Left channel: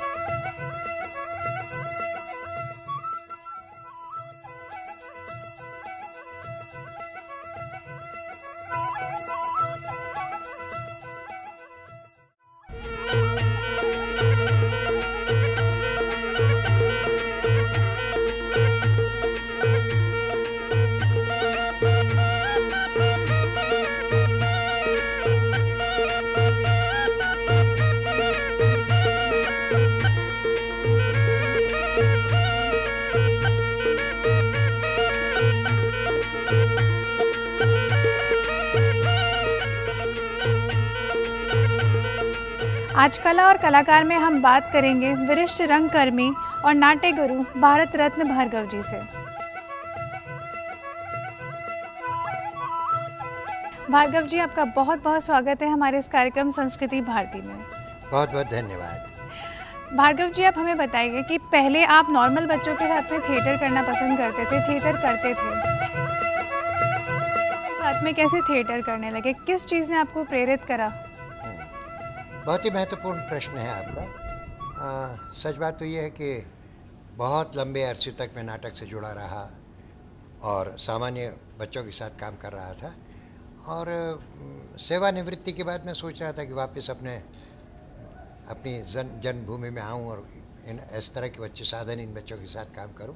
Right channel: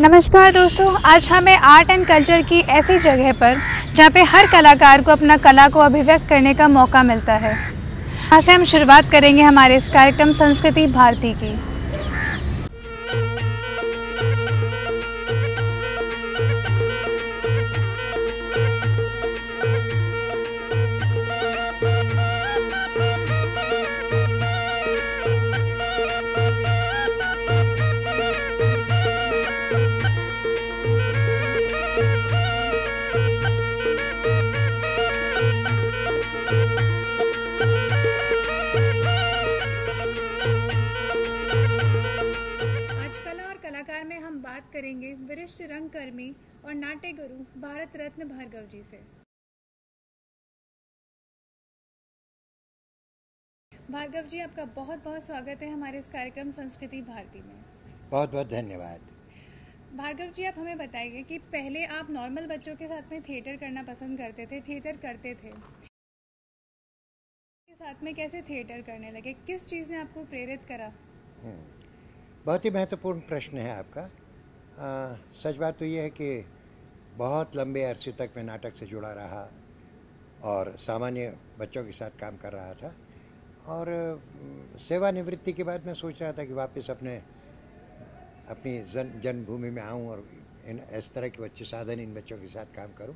नमस्कार दोस्तों, आज हमें आर्ट एंड कल्चर की ऐसी जगह पर जहाँ पे हर कलाकार को अपना कला को अभिव्यक्त करने का मौका मिलता है। यहाँ से हम शुरुआत करेंगे हमारे इस कार्यक्रम संस्कृति भारती की। आज कला और कलाकार में हम बात करेंगे वरिष्ठ रंगकर्मी और नाट्य गुरु भारत रत्न भार्गव जी से। भार्गव जी, आपका बहुत बहुत स्वागत है हमारे इस कार्यक्रम संस्कृति भारती में। बहुत बहुत धन्यवाद। भार्गव जी, आप हमें बताइए कि पहले आप नॉर्मल बच्चों के साथ में थिएटर करना पसंद करते थे, थिएटर करते थे, साथ में कैसे थिएटर करने लगे, किस चीज़ ने आपको प्रेरित करा? बहुत ही महत्वपूर्ण प्रश्न है आपका। सच बात तो ये है कि बहुत लंबे अरसे तक मैं नाटक से जुड़ा रहा और सामान्य बच्चों के साथ काम कर रहा था। और सेवानिवृत्ति के बाद मैं सोच रहा था कि वापस अपनी जन्मभूमि में आऊं और इस तरह के बच्चे साधन इन बच्चों के साथ काम करूं।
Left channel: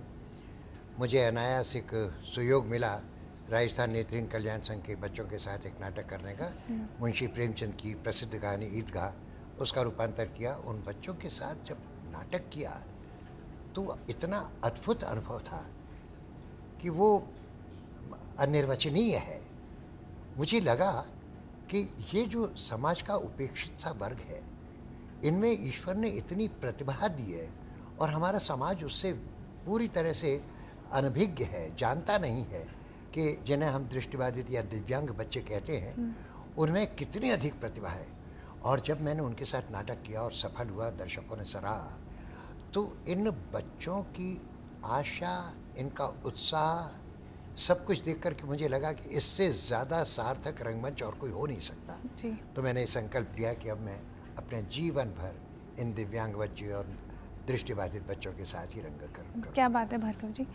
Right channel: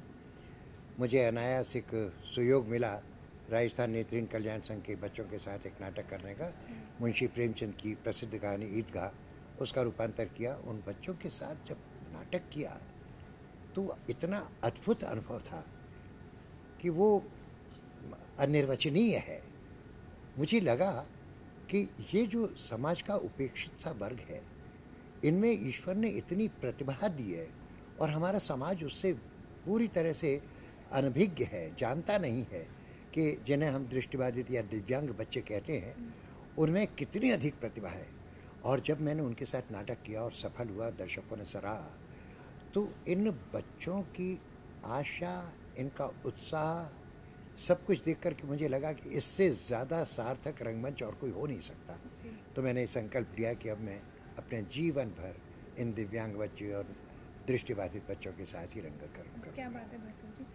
मुझे अनायास एक सुयोग मिला राजस्थान नेत्रहीन कल्याण संघ के बच्चों के साथ एक नाटक करने का। मुंशी प्रेमचंद की प्रसिद्ध कहानी ईदगाह, उसका रूपांतर किया। उन बच्चों के साथ जब नाटक किया तो इतना अद्भुत अनुभव था कि वो अनिर्वचनीय है। मुझे लगा कि ये जो समाज का उपेक्षित सा वर्ग है, इनमें ईश्वर ने इतनी प्रतिभा दी है और हमारा समाज उससे पूरी तरह से अनभिज्ञ है, जानता नहीं है कि जिन्हें हम दृष्टिबाधित या दिव्यांग बच्चे कहते हैं, उनमें कितनी अधिक प्रतिभा है। और जब मैंने उनके साथ नाटक किया और सफल हुआ, दर्शकों ने सराहा, तो इन बच्चों की आशा, इनका उत्साह, सब कुछ देख कर के मुझे लगा कि इससे ज़्यादा सार्थक रंगमंच और कोई हो नहीं सकता। तो मैंने संकल्प लिया कि अब मैं अपने जीवन भर इन दिव्यांग बच्चे और दृष्टिबाधित बच्चों के साथ ही रंग करूँगा। क्या बात है भार्गव जी।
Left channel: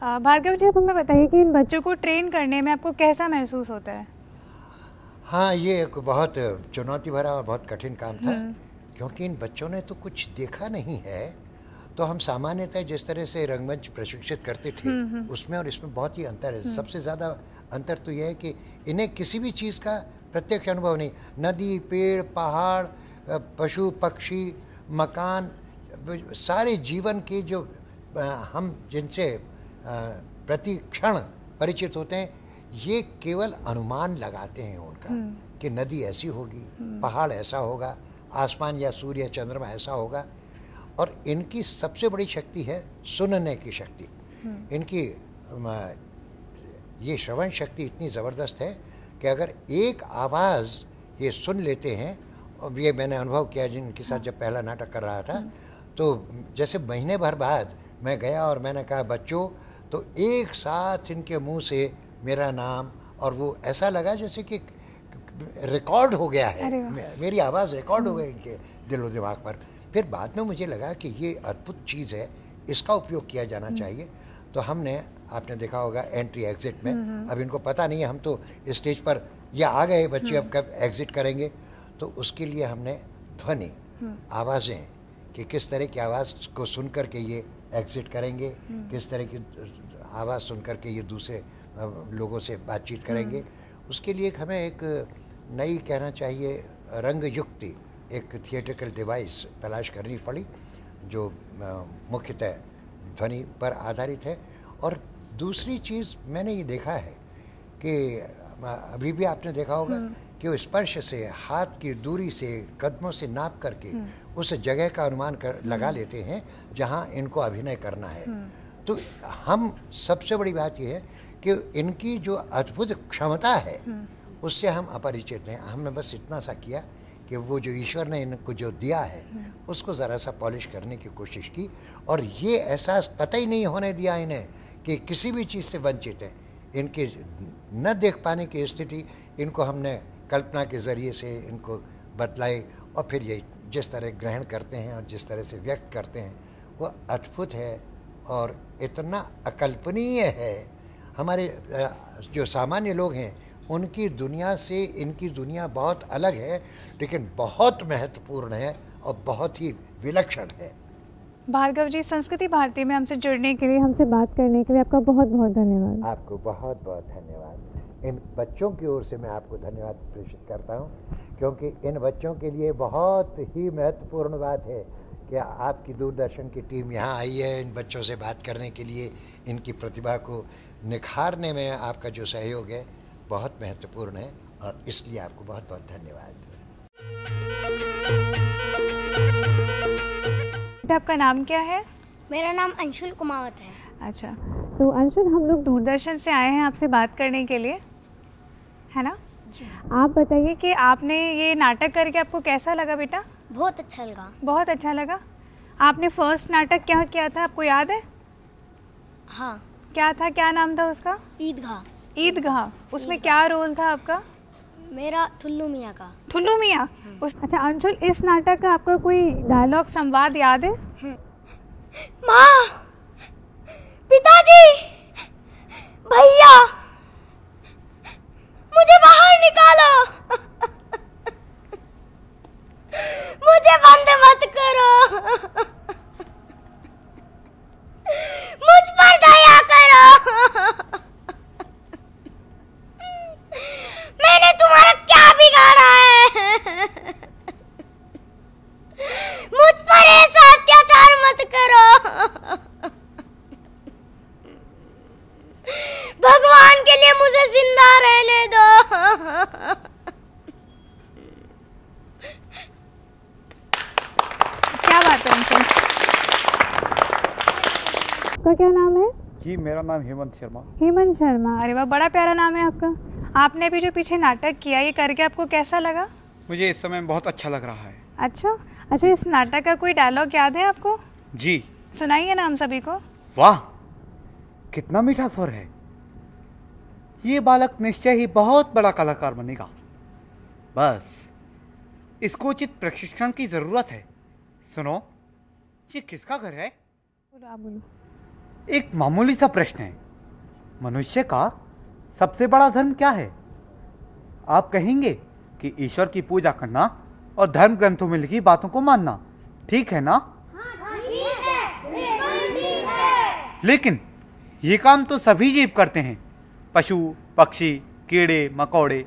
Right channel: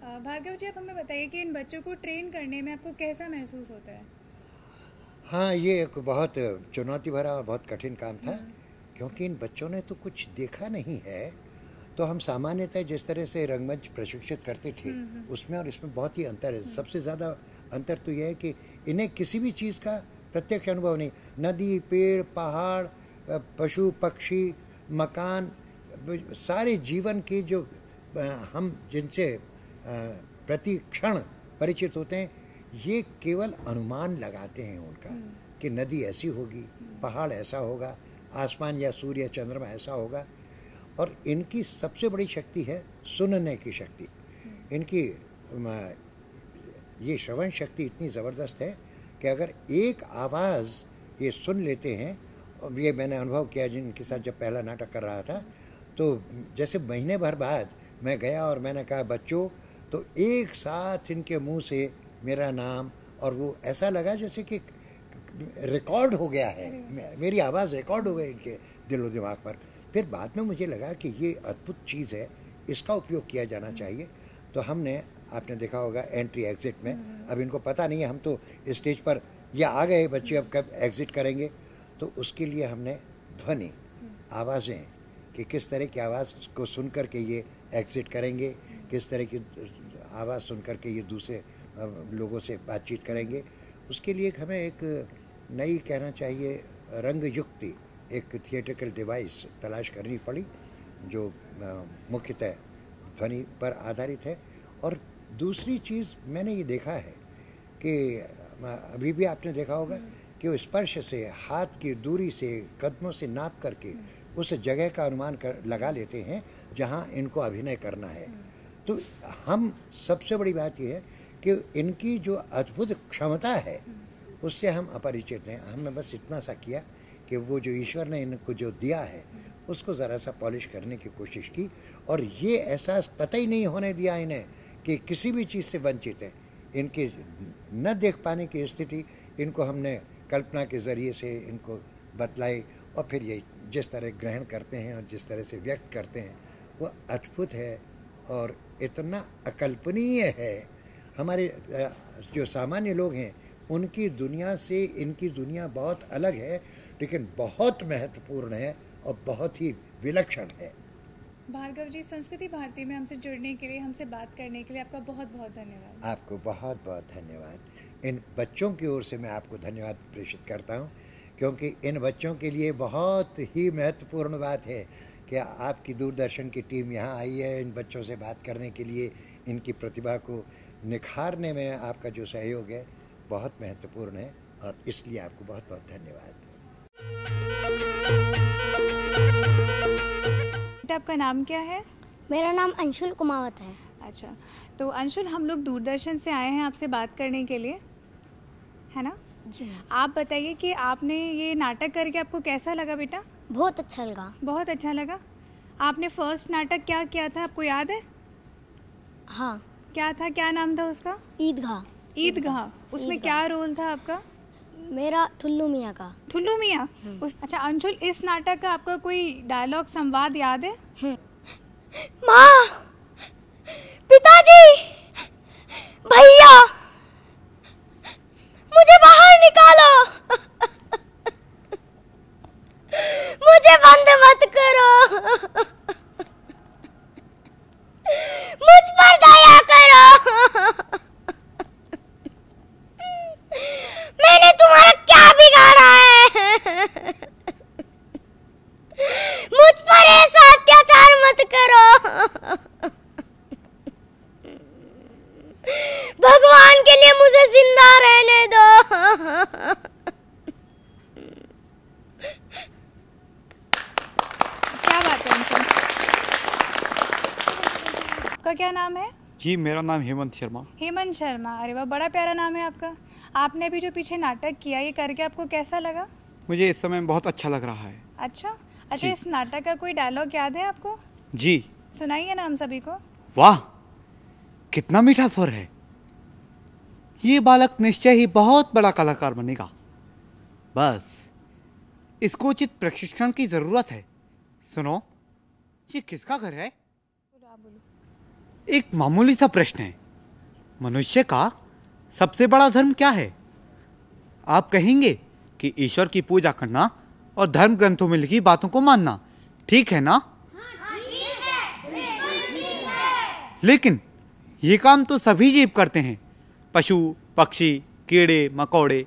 भार्गव जी, आप हमें बताइए कि इन बच्चों को ट्रेन करने में आपको कैसा महसूस होता है? हाँ, ये एक बहुत चुनौती भरा और बहुत कठिन काम था, क्योंकि इन बच्चों ने तो कुछ देखा नहीं है। तो हम सामान्यतः जिस तरह से रंगमंच प्रशिक्षित करते थे उसमें और इसमें बहुत ही अंतर है। सबसे ज़्यादा अंतर तो यह है कि इन्हें किसी भी चीज़ का प्रत्यक्ष अनुभव नहीं। नदी, पेड़, पहाड़, पशु पक्षी, मकान, सारे जीवन के जो हम जिनसे प्रति क्षण परिचित होते हैं, ये केवल अनुमान लगाते हैं उनका कि नदी ऐसी होगी, पहाड़ ऐसा होगा, आसमान या सूर्य या चंद्रमा ऐसा होगा। और इनकी सबसे बड़ी शक्ति है सुनने की शक्ति। इनकी ये श्रवण शक्ति इतनी ज़बरदस्त है कि अगर एक आवाज़ ये सुन लेते हैं, और ये मैंने अनुभव किया जिनके साथ जब पहला नाटक कर रहा था, तो जैसे महीने भर बाद मैं गया और मैंने कहा बच्चों, तो एक साथ इनके मुंह से मेरा नाम, और वो ऐसा लगा जैसे कि रिकॉर्ड हो गया है, मेरी आवाज़ रिकॉर्ड हो गई इनके दिलो दिमाग पर। फिर बाद में मुझे लगा कि ये अद्भुत चीज़ है, इसका उपयोग किया जाना चाहिए। तो हमने, आपने देखा होगा एंट्री एग्जिट में, अब इनको पता नहीं है, हम तो स्टेज पर या आ गए बच्चे, अब कब एग्जिट करेंगे, तो उसके लिए हमने ध्वनि, आवाज़ें, कि किस तरह की आवाज़ को सुन कर के ये एग्जिट करेंगे, किस तरह की आवाज़ सुन कर के ये दूसरे लोगों से बातचीत करेंगे। उसके लिए हमें एक नई, कहना चाहिए, रंग युक्ति, एक थिएट्रिकल डिवाइस तलाश करनी पड़ी जो मुख्यतः ध्वनि पर आधारित है। और दूसरी चीज़ मैंने ये देखा है कि अभी भी आपने देखा होगा कि वो स्पर्श से, हाथ की दूरी से, कदमों से नाप करके उस जगह का अनुमान लगा लेते हैं जहां इनको अभिनय करना है। तो हम, सबसे बड़ी बात यह है कि इनकी जो अद्भुत क्षमता है उससे हम अपरिचित हैं। हमने बस इतना सा किया कि वो जो ईश्वर ने इनको जो दिया है उसको ज़रा सा पॉलिश करने की कोशिश की, और ये एहसास कतई नहीं होने दिया इन्हें कि किसी भी चीज़ से वंचित है। इनके न देख पाने की स्थिति, इनको हमने कल्पना के ज़रिए से इनको बतलाई, और फिर ये जिस तरह ग्रहण करते हैं और जिस तरह से व्यक्त करते हैं वो अद्भुत है और इतना अकल्पनीय है। हमारे जो सामान्य लोग हैं उनकी दुनिया से इनकी दुनिया बहुत अलग है, लेकिन बहुत महत्वपूर्ण है और बहुत ही विलक्षण है। भार्गव जी, संस्कृति भारती में हमसे जुड़ने के लिए, हमसे बात करने के लिए आपका बहुत बहुत धन्यवाद। आपको बहुत बहुत धन्यवाद। इन बच्चों की ओर से मैं आपको धन्यवाद प्रेषित करता हूँ, क्योंकि इन बच्चों के लिए बहुत ही महत्वपूर्ण बात है कि आपकी दूरदर्शन की टीम यहाँ आई है इन बच्चों से बात करने के लिए। इनकी प्रतिभा को निखारने में आपका जो सहयोग है बहुत महत्वपूर्ण है और इसलिए आपको बहुत बहुत धन्यवाद। आपका नाम क्या है? मेरा नाम अंशुल कुमावत है। अच्छा, तो अंशुल, हम लोग दूरदर्शन से आए हैं आपसे बात करने के लिए, है ना? जी। आप बताइए कि आपने ये नाटक करके आपको कैसा लगा बेटा? बहुत अच्छा लगा। बहुत अच्छा लगा। आपने फर्स्ट नाटक क्या किया था, आपको याद है? हाँ। क्या था, क्या नाम था उसका? ईदगाह। ईदगाह। उसमें क्या रोल था आपका? मेरा ठुल्लू मियाँ का। ठुल्लू मियाँ। अच्छा अंशुल, इस नाटक का आपका कोई डायलॉग, संवाद याद है? माँ, पिताजी, भैया, मुझे बाहर निकालो, मुझे बंद मत करो, मुझ पर दया करो, मैंने तुम्हारा क्या बिगाड़ा है, मुझ पर ऐसा अत्याचार मत करो, भगवान के लिए मुझे जिंदा रहने दो। क्या बात है अंशुल। आपका क्या नाम है? जी, मेरा नाम हेमंत शर्मा। हेमंत शर्मा। अरे वाह, बड़ा प्यारा नाम है आपका। आपने अभी जो पीछे नाटक किया, ये करके आपको कैसा लगा? मुझे इस समय बहुत अच्छा लग रहा है। अच्छा, इस नाटक का कोई डायलॉग याद है आपको? जी। सुनाइए ना हम सभी को। वाह, कितना मीठा स्वर है। ये बालक निश्चय ही बहुत बड़ा कलाकार बनेगा। बस इसको उचित प्रशिक्षण की जरूरत है। सुनो, ये किसका घर है? बोलो, आप बोलो। एक मामूली सा प्रश्न है, मनुष्य का सबसे बड़ा धर्म क्या है? आप कहेंगे कि ईश्वर की पूजा करना और धर्म ग्रंथों में लिखी बातों को मानना, ठीक है ना? लेकिन ये काम तो सभी जीव करते हैं। पशु, पक्षी, कीड़े मकोड़े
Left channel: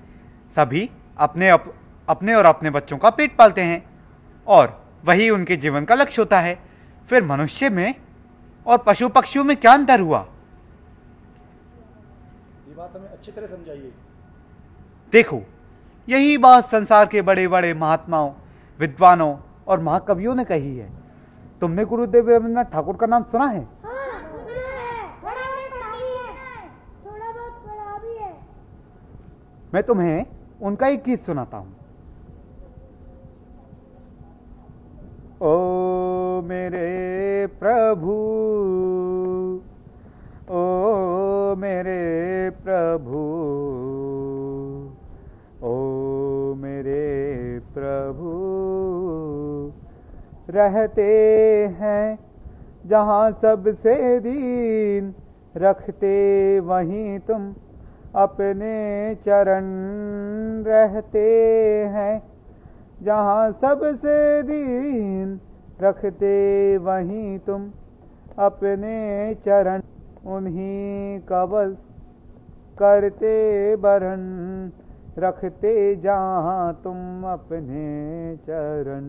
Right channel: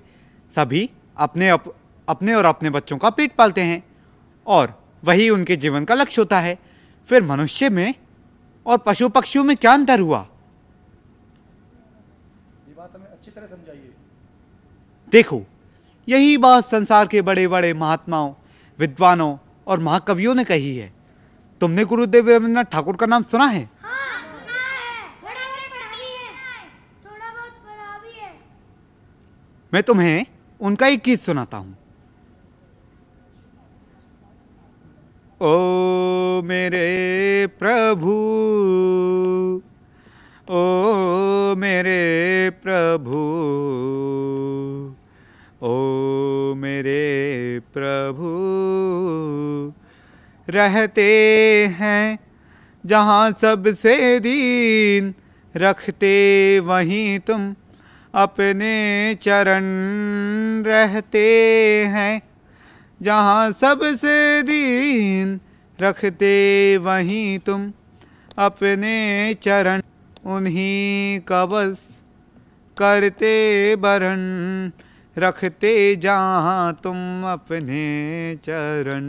सभी अपने और अपने बच्चों का पेट पालते हैं और वही उनके जीवन का लक्ष्य होता है। फिर मनुष्य में और पशु पक्षियों में क्या अंतर हुआ? ये बात हमें अच्छी तरह समझाइए। देखो, यही बात संसार के बड़े बड़े महात्माओं, विद्वानों और महाकवियों ने कही है। तुमने गुरुदेव रविन्द्रनाथ ठाकुर का नाम सुना है? मैं तुम्हें उनका एक गीत सुनाता हूं। ओ मेरे प्रभु, ओ मेरे प्रभु, ओ मेरे प्रभु, रहते हैं जहाँ सबसे दीन, रखते वहीं तुम अपने चरण, रहते हैं जहाँ सबसे दीन, रखते वहीं तुम अपने चरण, उन्हीं का बस करते बरन, रखते जहाँ तुम अपने चरण,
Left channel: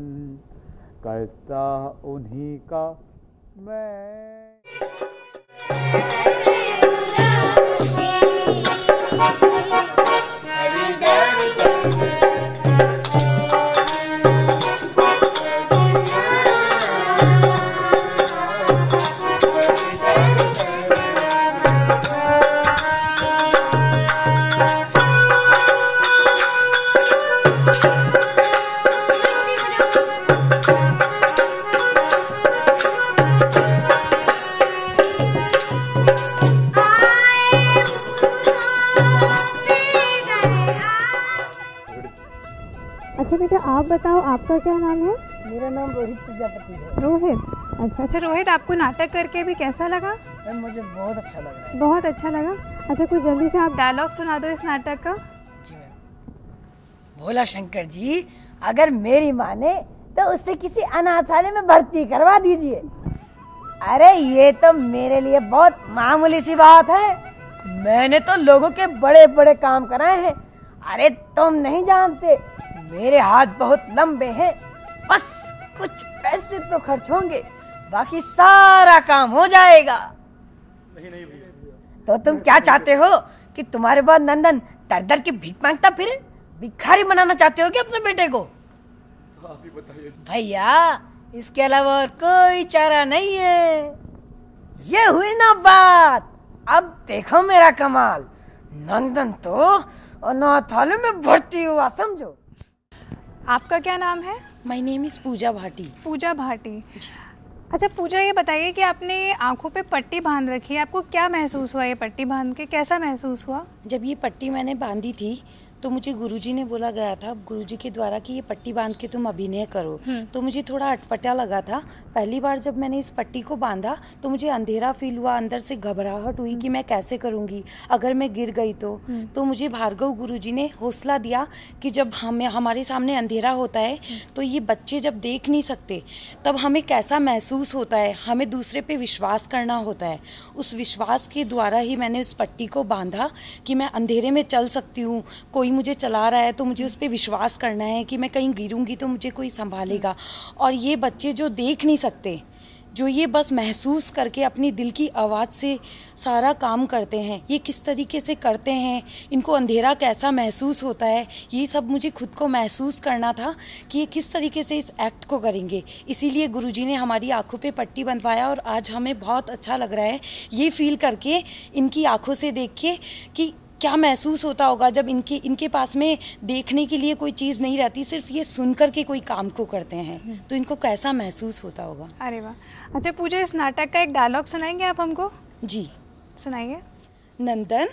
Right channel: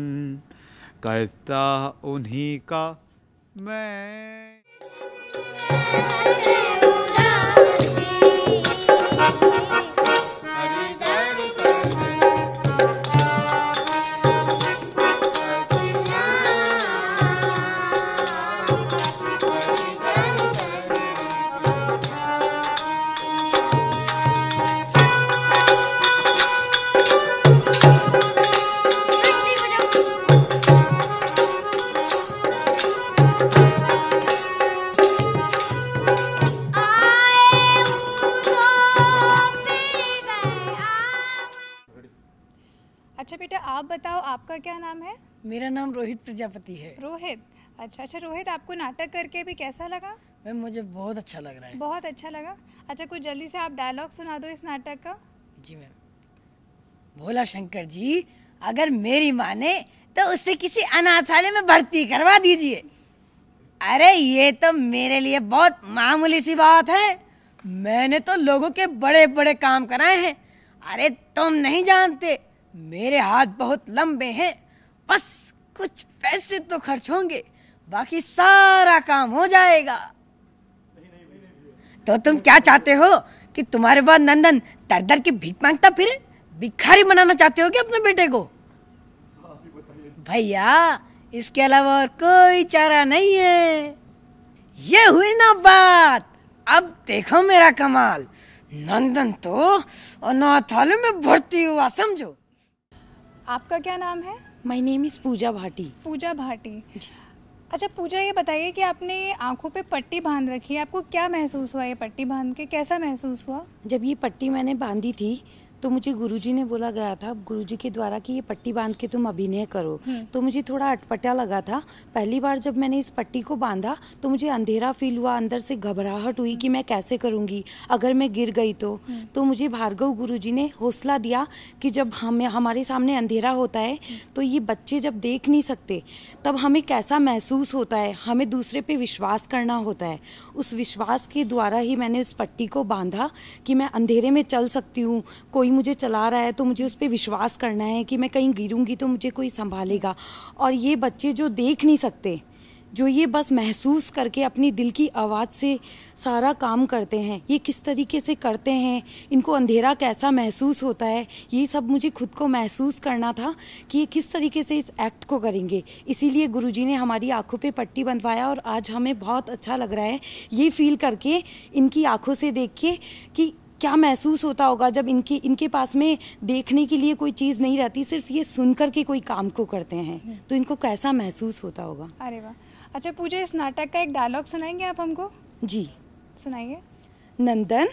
करता उन्हीं का मैं। बेटा आप बताओ, आपका क्या नाम है? मेरा नाम रोहित प्रजापति है। रोहित, अच्छा रोहित, आपको नाटक करके भी कैसा लगा? मैम मुझे बहुत अच्छा लग रहा है। बहुत अच्छा लगा। अच्छा कुछ जल्दी से आप डायलॉग सुना दो इस नाटक का। जी मैम। भोला शंकर जी अगर मेरी माने तो उससे किसी अनाथालय में भर्ती करवा दीजिए। अरे ये तो मेरे लिए बहुत मामूली सी बात है, मैंने तो लोगों के बड़े बड़े काम कराए हैं। अरे तुम नहीं जानते, मेरे हाथ बहुत लंबे हैं, बस कुछ पैसे तो खर्च होंगे, बाकी सारा काम हो जाएगा। तो तुम क्या चाहते हो कि तुम्हारे बाद नंदन दर दर की भीख मांगता फिरे? भिखारी बनाना चाहते हो कि अपने बेटे को? भैया इसके अलावा और कोई चारा नहीं है। ये हुई ना बात, अब देखो मेरा कमाल। नंदन तो अनाथालय में भर्ती हुआ, समझो। आपका क्या नाम है? माय नेम इज पूजा भाटी। पूजा भाटी। अच्छा पूजा, ये बताइए कि आपने आंखों पे पट्टी बांध रखी है, आपको क्या महसूस हुआ? ये पट्टी बांध के कैसा महसूस हुआ? जब ये पट्टी मैंने बांधी थी तो मुझे गुरुजी ने बोला गया था, गुरुजी के द्वारा, कि ये पट्टी बांध के तुम अभिनय करो। तो मुझे थोड़ा अटपटा लगा था। पहली बार जब मैंने इस पट्टी को बांधा तो मुझे अंधेरा फील हुआ, अंदर से घबराहट हुई कि मैं कैसे करूंगी, अगर मैं गिर गई तो मुझे भार्गव गुरुजी ने हौसला दिया कि जब हमारे सामने अंधेरा होता है तो ये बच्चे जब देख नहीं सकते तब हमें कैसा महसूस होता है, हमें दूसरे पे विश्वास करना होता है। उस विश्वास के द्वारा ही मैंने उस पट्टी को बांधा कि मैं अंधेरे में चल सकती हूँ, कोई मुझे चला रहा है तो मुझे उस पर विश्वास करना है कि मैं कहीं गिरूंगी तो मुझे कोई संभालेगा। और ये बच्चे जो देख नहीं सकते, जो ये बस महसूस करके अपनी दिल की आवाज़ से सारा काम करते हैं, ये किस तरीके से करते हैं, इनको अंधेरा कैसा महसूस होता है, ये सब मुझे खुद को महसूस करना था कि ये किस तरीके से इस एक्ट को करेंगे। इसीलिए गुरुजी ने हमारी आंखों पे पट्टी बंधवाया और आज हमें बहुत अच्छा लग रहा है ये फील करके, इनकी आंखों से देख के कि क्या महसूस होता होगा जब इनके पास में देखने के लिए कोई चीज़ नहीं रहती, सिर्फ ये सुन कर के कोई काम को करते हैं, तो इनको कैसा महसूस होता होगा। अरे वाह। अच्छा पूजा, इस नाटक का एक डायलॉग सुनाएंगे आप हमको? जी सुनाइए। नंदन,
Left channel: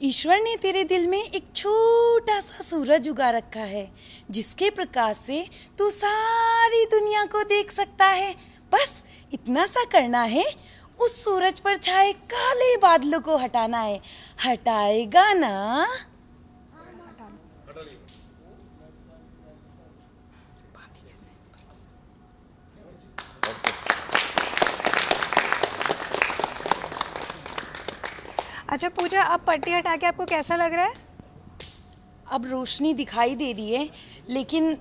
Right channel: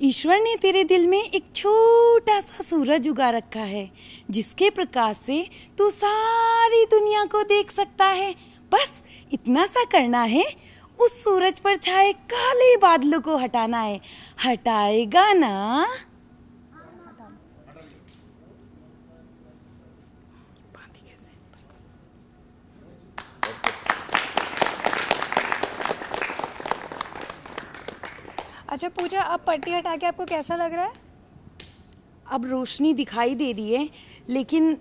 ईश्वर ने तेरे दिल में एक छोटा सा सूरज उगा रखा है, जिसके प्रकाश से तू सारी दुनिया को देख सकता है। बस इतना सा करना है, उस सूरज पर छाए काले बादलों को हटाना है। हटाएगा ना? अच्छा पूजा, अब पट्टी हटा के आपको कैसा लग रहा है? अब रोशनी दिखाई दे रही है, लेकिन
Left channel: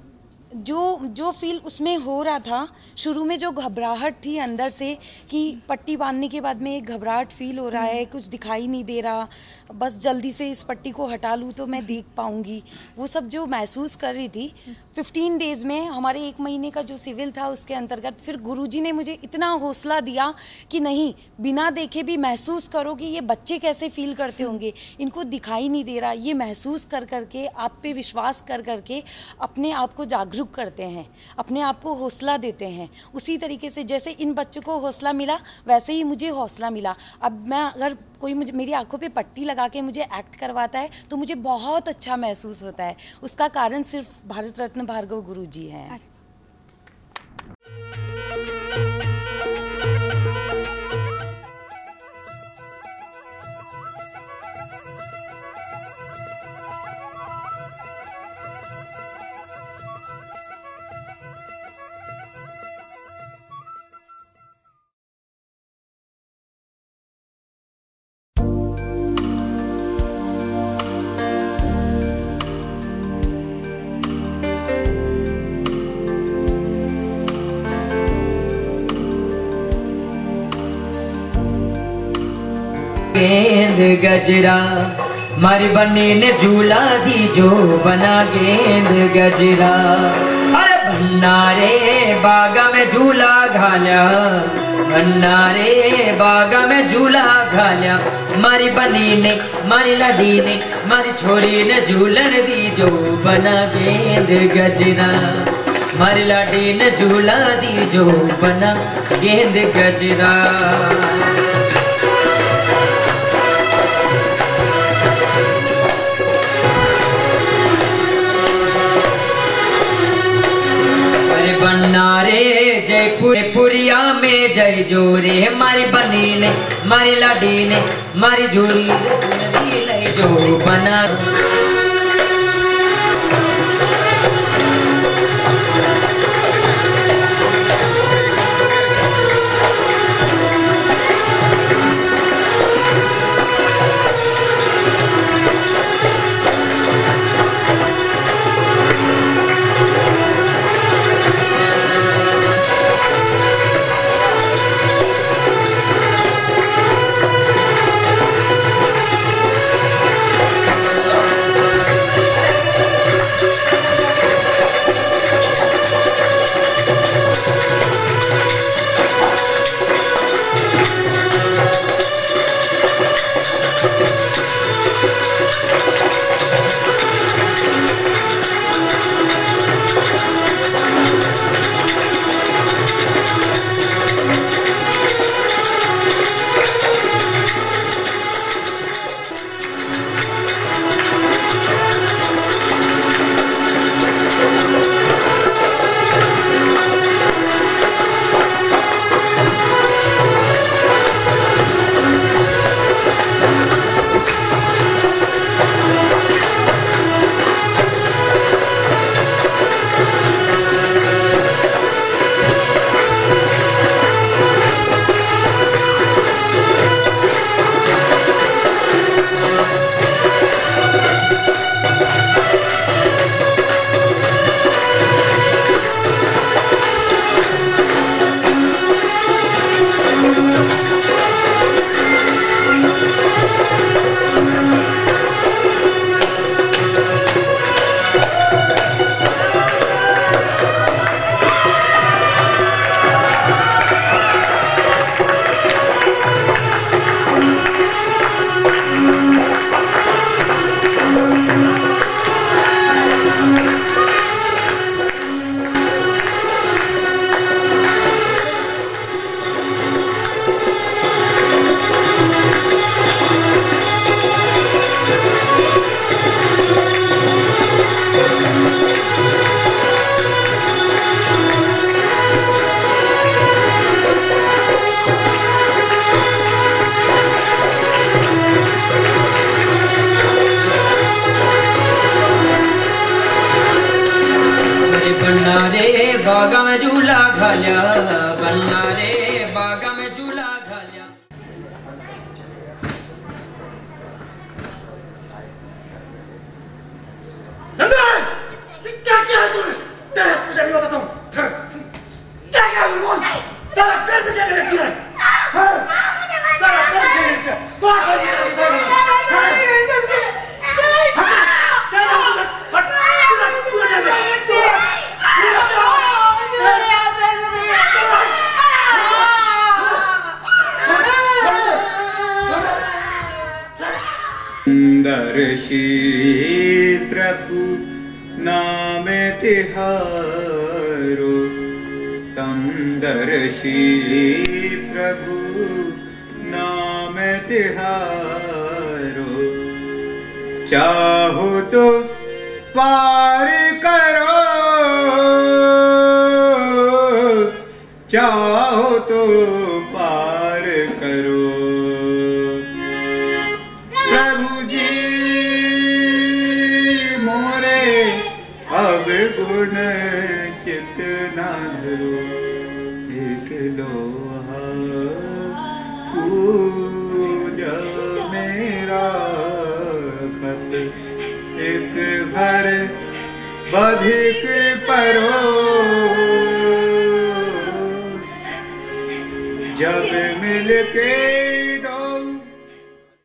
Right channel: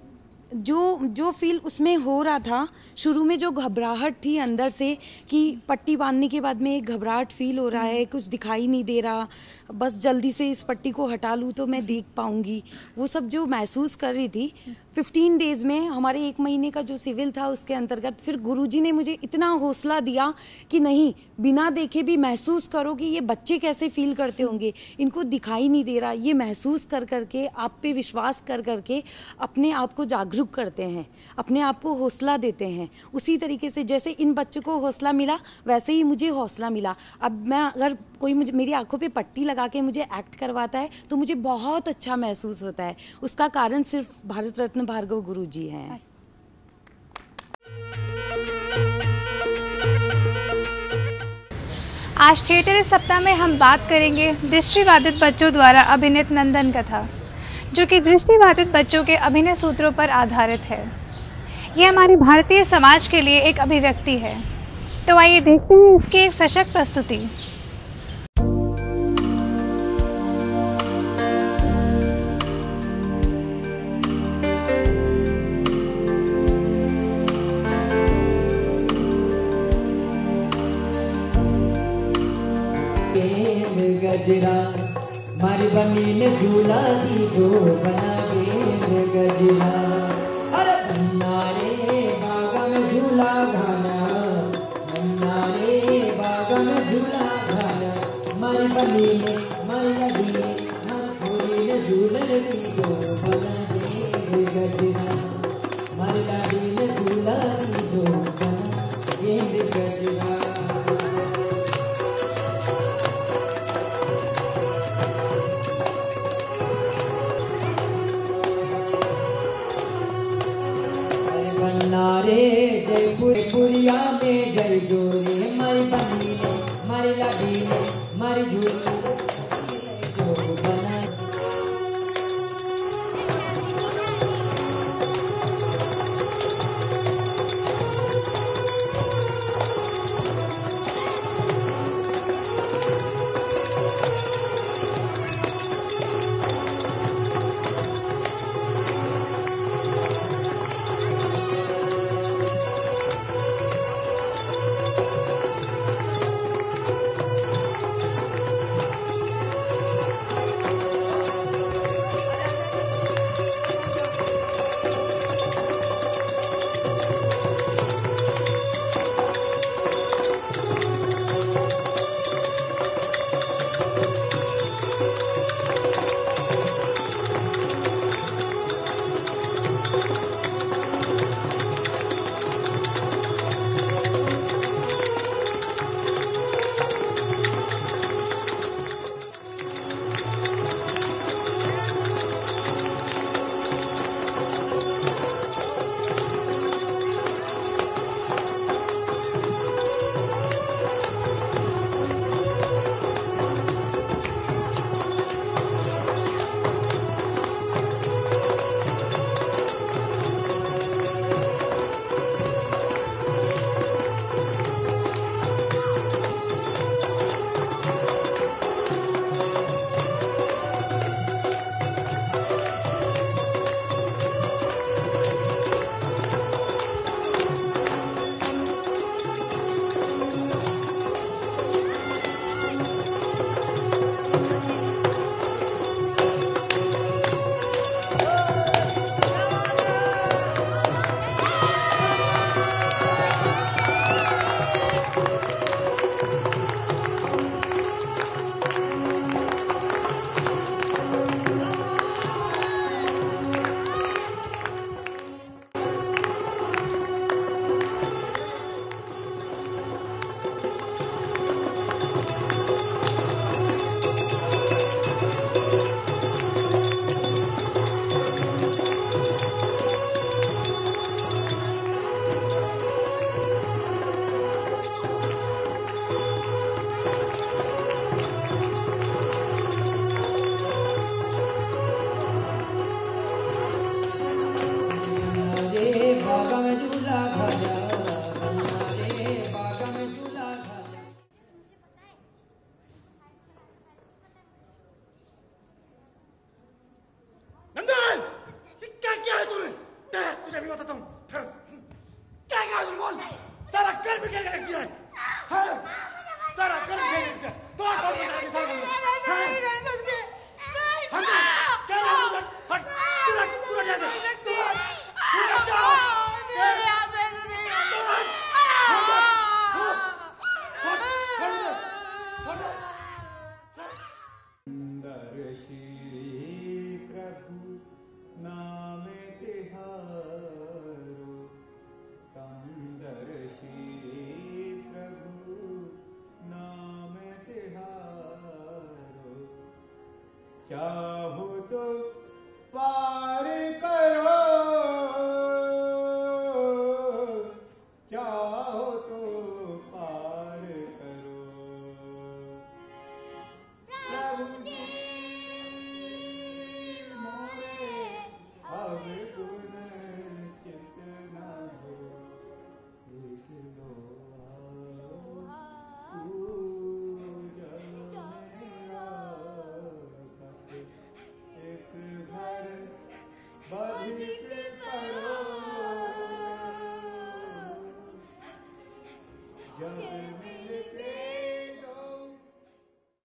जो फील उसमें हो रहा था, शुरू में जो घबराहट थी अंदर से कि पट्टी बांधने के बाद में एक घबराहट फील हो रहा है, कुछ दिखाई नहीं दे रहा, बस जल्दी से इस पट्टी को हटा लूँ तो मैं देख पाऊंगी, वो सब जो महसूस कर रही थी 15 डेज में, हमारे 1 महीने का जो सिविल था उसके अंतर्गत, फिर गुरुजी ने मुझे इतना हौसला दिया कि नहीं, बिना देखे भी महसूस करो कि ये बच्चे कैसे फील करते होंगे, इनको दिखाई नहीं दे रहा, ये महसूस कर करके, आप पे विश्वास कर करके अपने आप को जागरूक करते हैं, अपने आप को हौसला देते हैं। उसी तरीके से जैसे इन बच्चों को हौसला मिला, वैसे ही मुझे हौसला मिला। अब मैं, अगर कोई मुझे मेरी आंखों पे पट्टी लगा के मुझे एक्ट करवाता है तो मुझे बहुत अच्छा महसूस होता है। उसका कारण सिर्फ भारत रत्न भार्गव गुरुजी हैं। आज थिएटर इस सप्ताह में हम बात करेंगे दृष्टिबाधित बच्चों द्वारा अभिनीत नंदन कथा, जो कि दृष्टिबाधित बच्चों के अभिनय सूत्रों पर आधारित है। ये हमारे भारतीय समाज के लिए एक अभिव्यक्ति है। तो आइए देखते हैं इसकी एक सशक्त प्रस्तुति। गेंद गजरा मारी बने ने झूला दी, जो बना गेंद गजरा। अरे बन्ना रे बागा में झूला घाल्या, बन्ना रे बागा में झूला घाल्या, मारी बनी ने, मारी लड़ी ने, मारी छोरी ने झूलन दी, जो बना गेंद गजरा। मारी लड़ी ने झूला दी, जो बना गेंद गजरा। जोरे मारी बनी ने मारी लाडी ने मारी जोरी ले जो बना बागा में झूला घालिया बन्ना रे बागा में झूला घालिया। क्या किया तूने? तुझे नहीं बताता हूँ। क्या किया बोल? सारा घर में क्या किया? सारा घर में क्या किया? दर्शी प्रभु नाम तिहारो समदर्शी प्रभु नाम तिहारो चाहो तो पार करो चाहो तो पार करो प्रभु जी मोरे अब गुण चित न धरो एक लोहा पूजा मेरा खत एक घर बधिक परो जब मिल के दो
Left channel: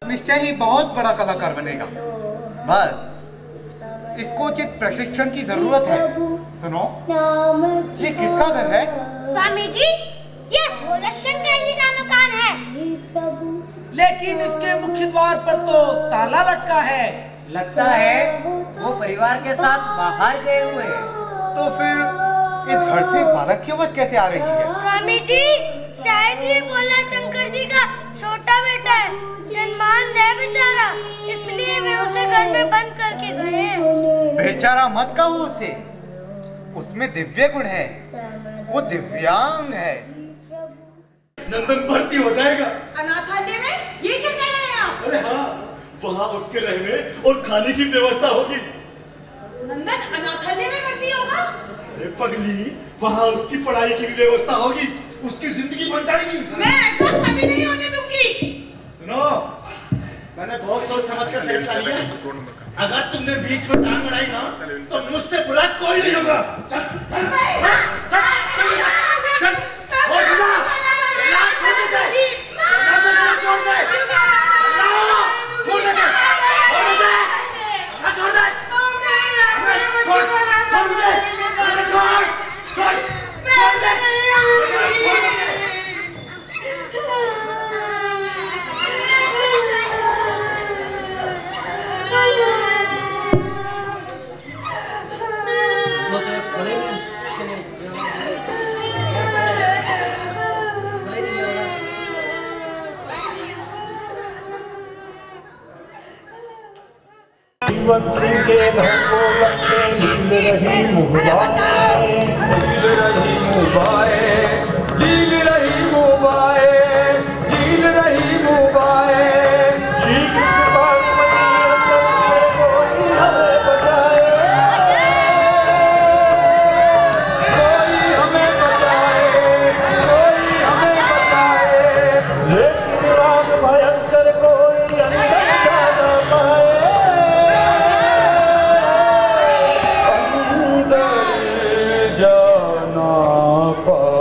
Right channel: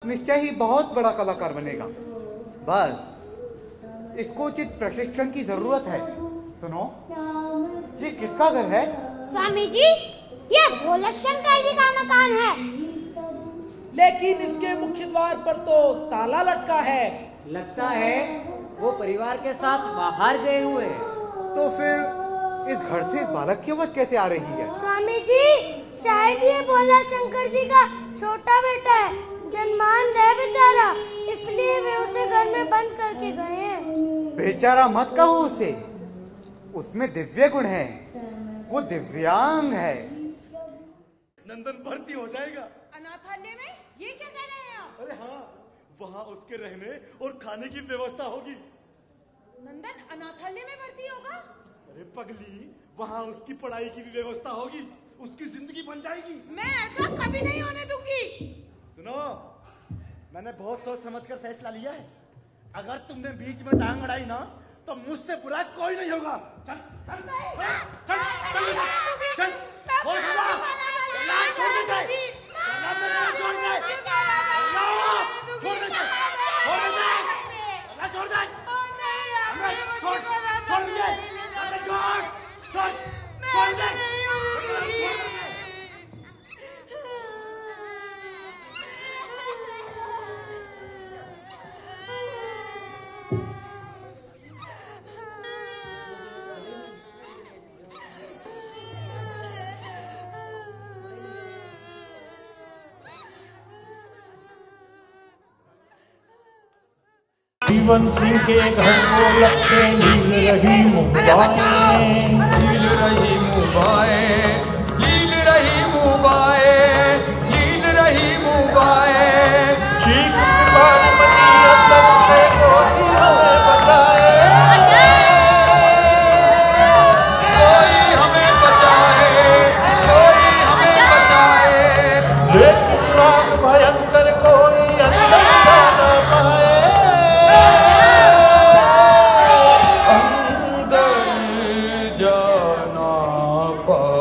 निश्चय ही बहुत बड़ा कलाकार बनेगा। बस इसको उचित प्रशिक्षण की जरूरत है। सुनो, ये किसका घर है? स्वामी जी, ये भोला शंकर जी का मकान है। लेकिन इसके मुख्य द्वार पर तो ताला लटका है। लगता है वो परिवार के साथ बाहर गए हुए हैं। तो फिर इस घर से बालक की आवाज कैसे आ रही है? स्वामी जी, शायद ये भोला शंकर जी का छोटा बेटा है, जन्मांध है बेचारा, इसलिए वे उसे घर में बंद करके गए हैं। बेचारा मत कहो उसे, उसमें दिव्य गुण है, वो दिव्यांग है। नंदन भर्ती हो जाएगा। अनाथालय में? ये क्या कह रहे हैं आप? अरे हाँ, वहाँ उसके रहने और खाने की व्यवस्था होगी। नंदन अनाथालय में भर्ती होगा? अरे पगली, वहाँ उसकी पढ़ाई की भी व्यवस्था होगी, उसकी जिंदगी बन जाएगी। मैं ऐसा कभी नहीं होने दूंगी। सुनो, मैंने बहुत सोच समझ कर फैसला लिया। अगर तुमने बीच में टांग अड़ाई ना, तो मुझसे बुरा कोई नहीं होगा। जीवन सिंह के घर को लगते लील रही मुहबाएं, लील रही मुहबाएं, लील रही मुहबाएं, लील रही मुहबाएं। चीख पुकार लगी अंदर से कोई हमें बचाए, कोई हमें बचाए, कोई हमें बचाए। लेकिन आग भयंकर कोई अंदर जा न पाए।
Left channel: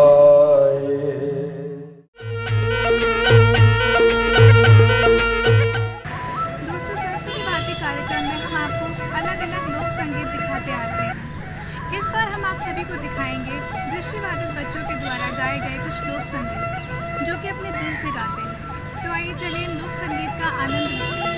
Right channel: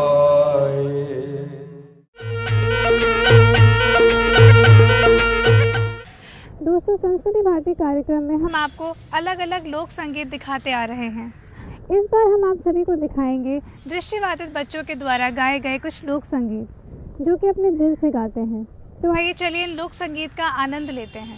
संस्कृति भारती कार्यक्रम में हम आपको अलग अलग लोक संगीत दिखाते आ रहे हैं। इस बार हम आप सभी को दिखाएंगे दृष्टिबाधित बच्चों के द्वारा गाए गए कुछ लोक संगीत जो कि अपने दिल से गाते हैं। तो आइए चलिए लोक संगीत का आनंद लेते हैं।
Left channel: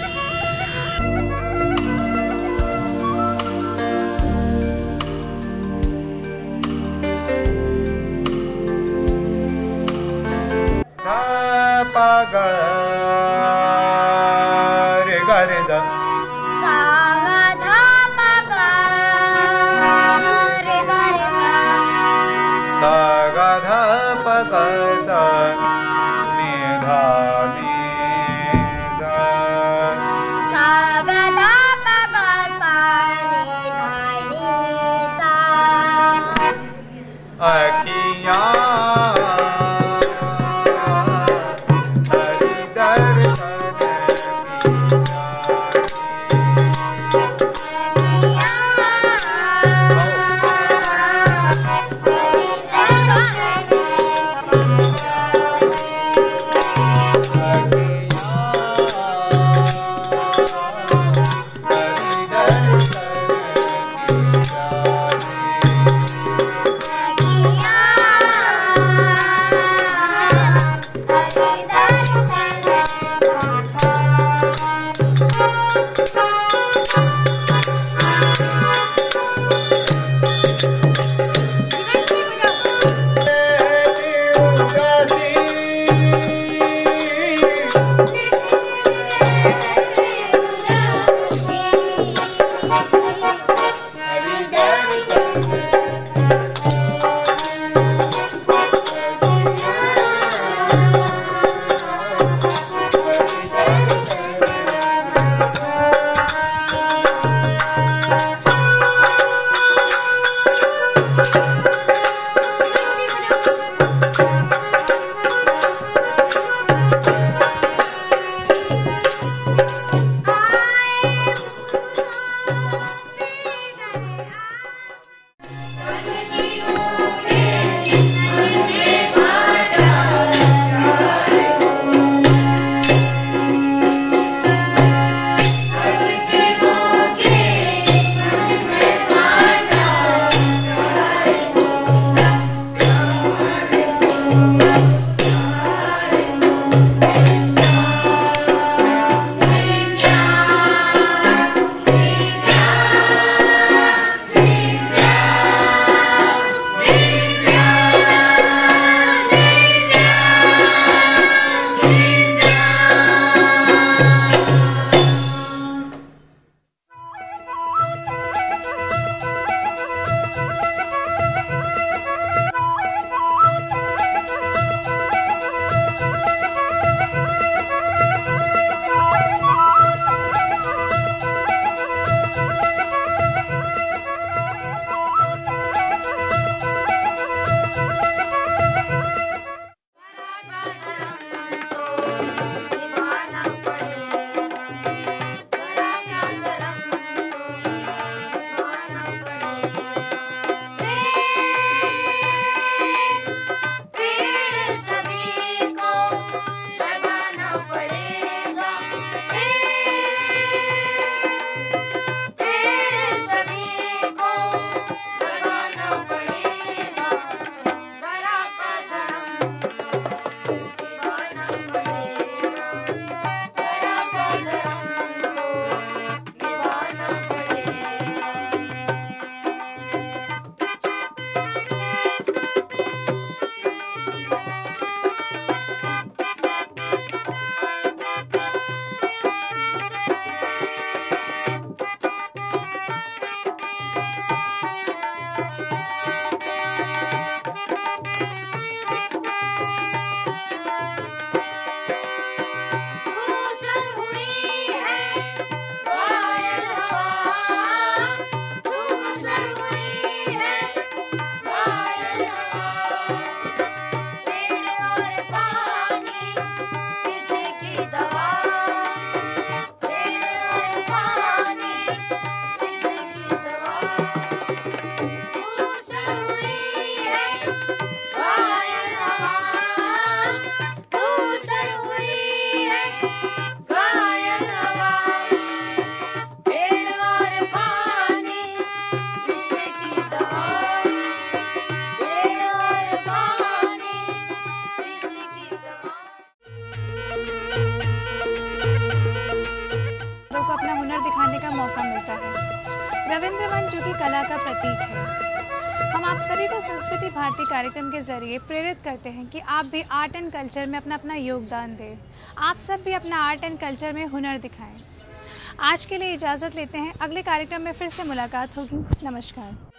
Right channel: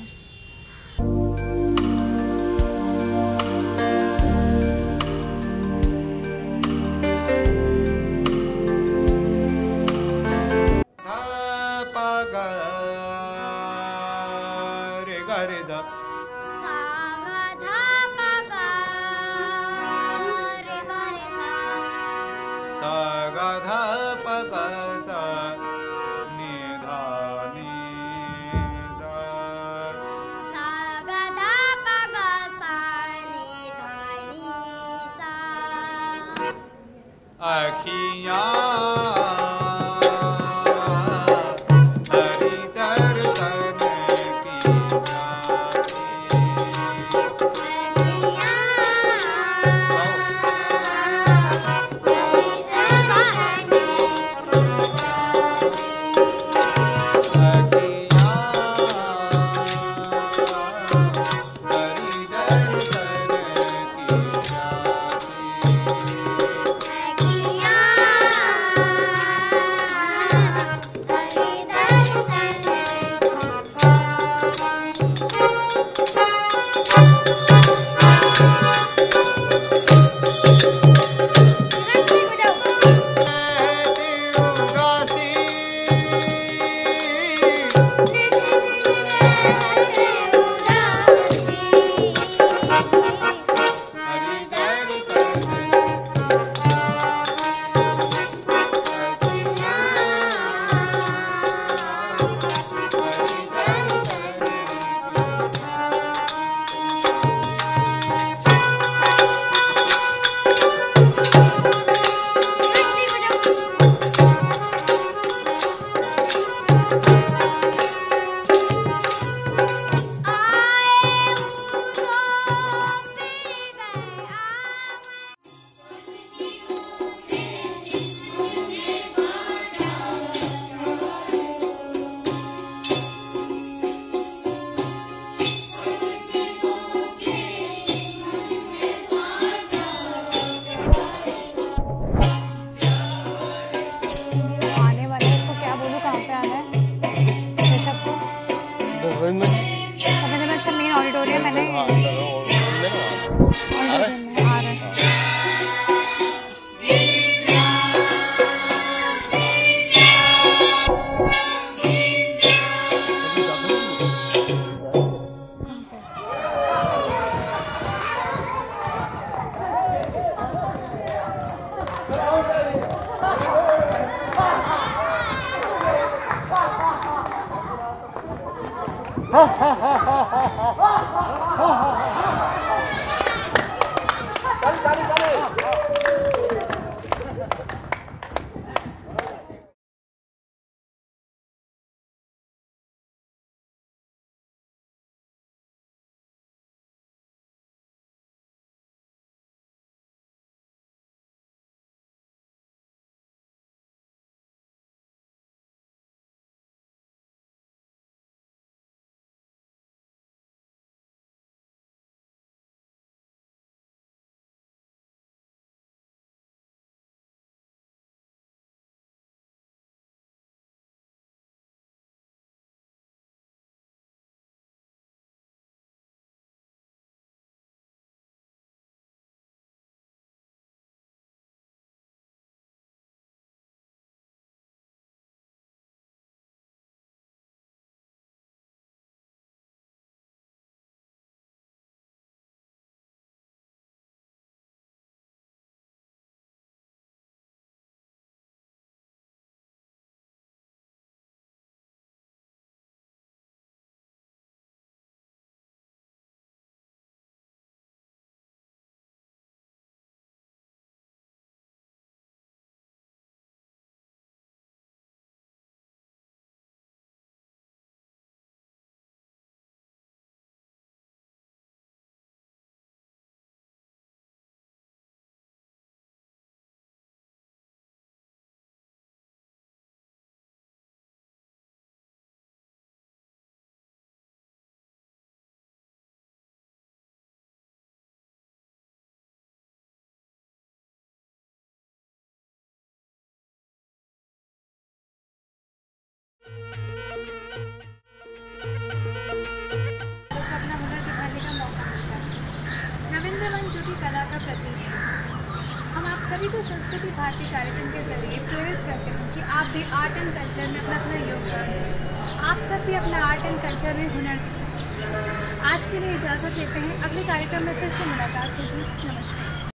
संस्कृति भारती कार्यक्रम के जरिए प्रेरित करते हैं कि आप भी आर्ट एंड कल्चर में अपना योगदान दें। आप सब भी अपना आर्ट एंड कल्चर में हुनर दिखाएं। आज के लिए इजाज़त लेते हैं, अगले कार्यक्रम में फिर से मुलाकात होगी। नमस्कार।